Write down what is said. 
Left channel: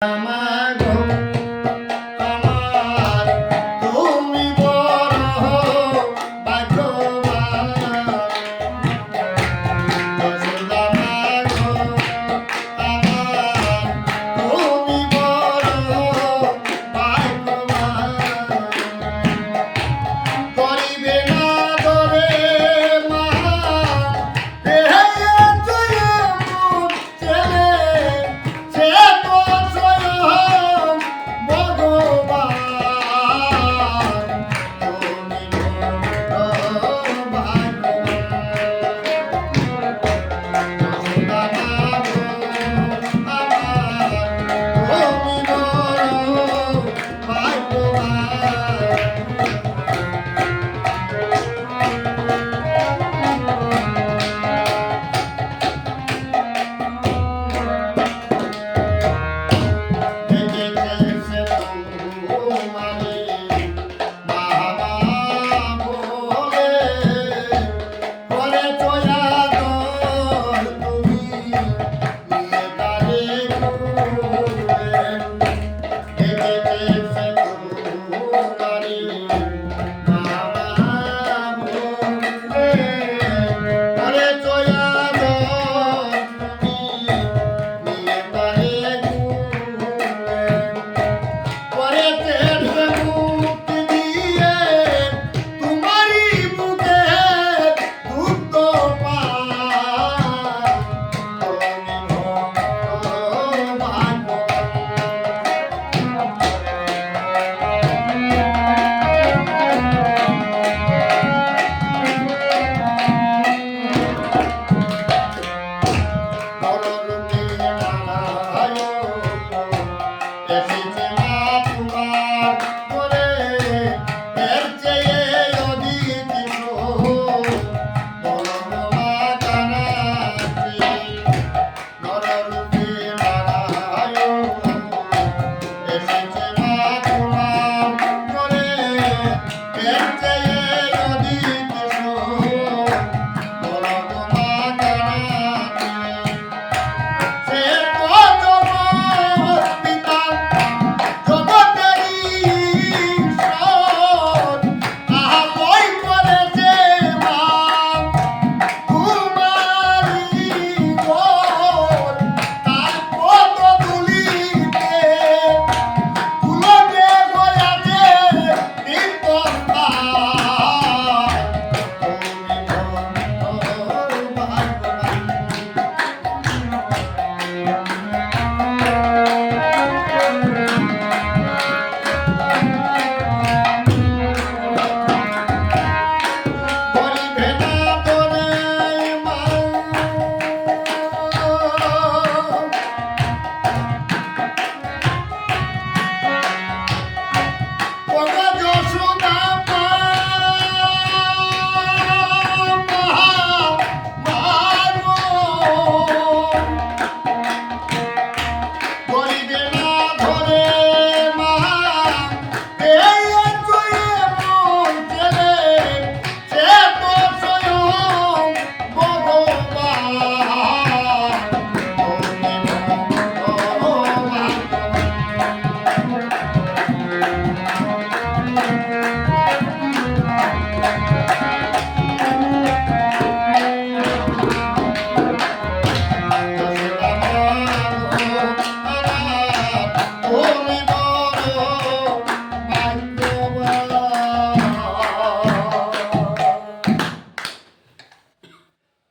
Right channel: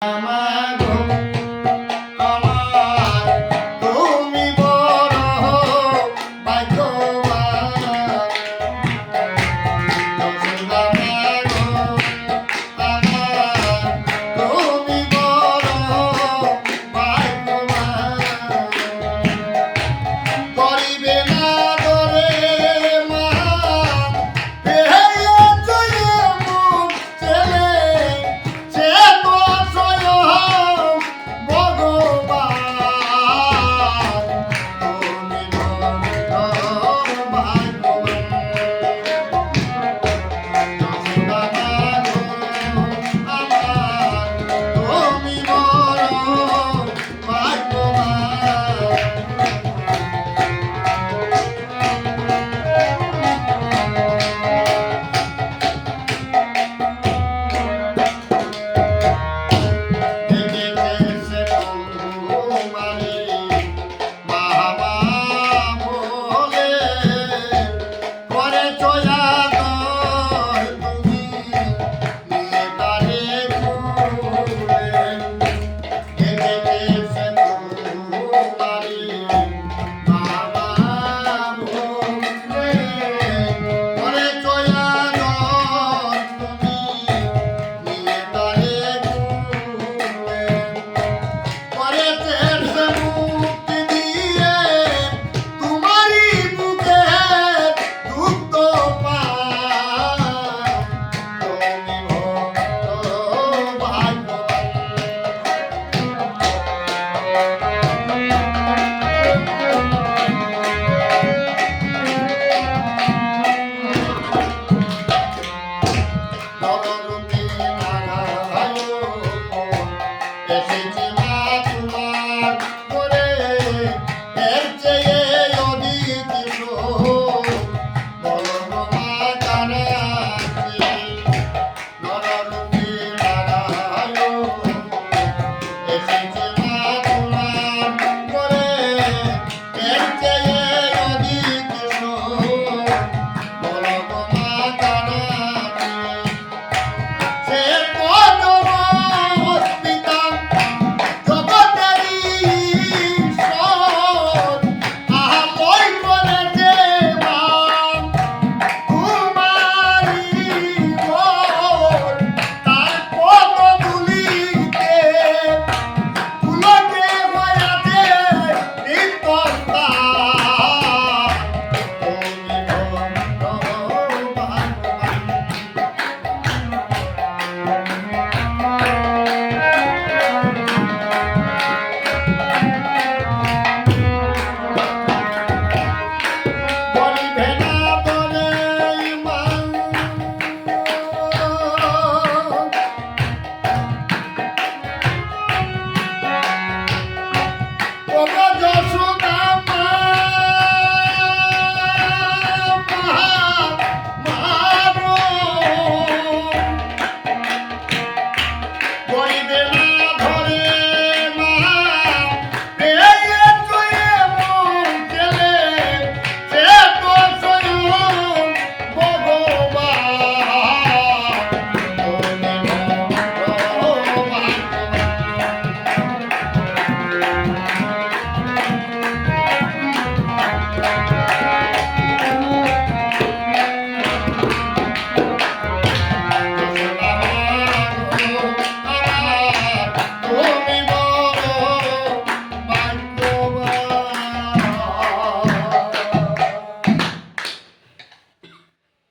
Mama. Now,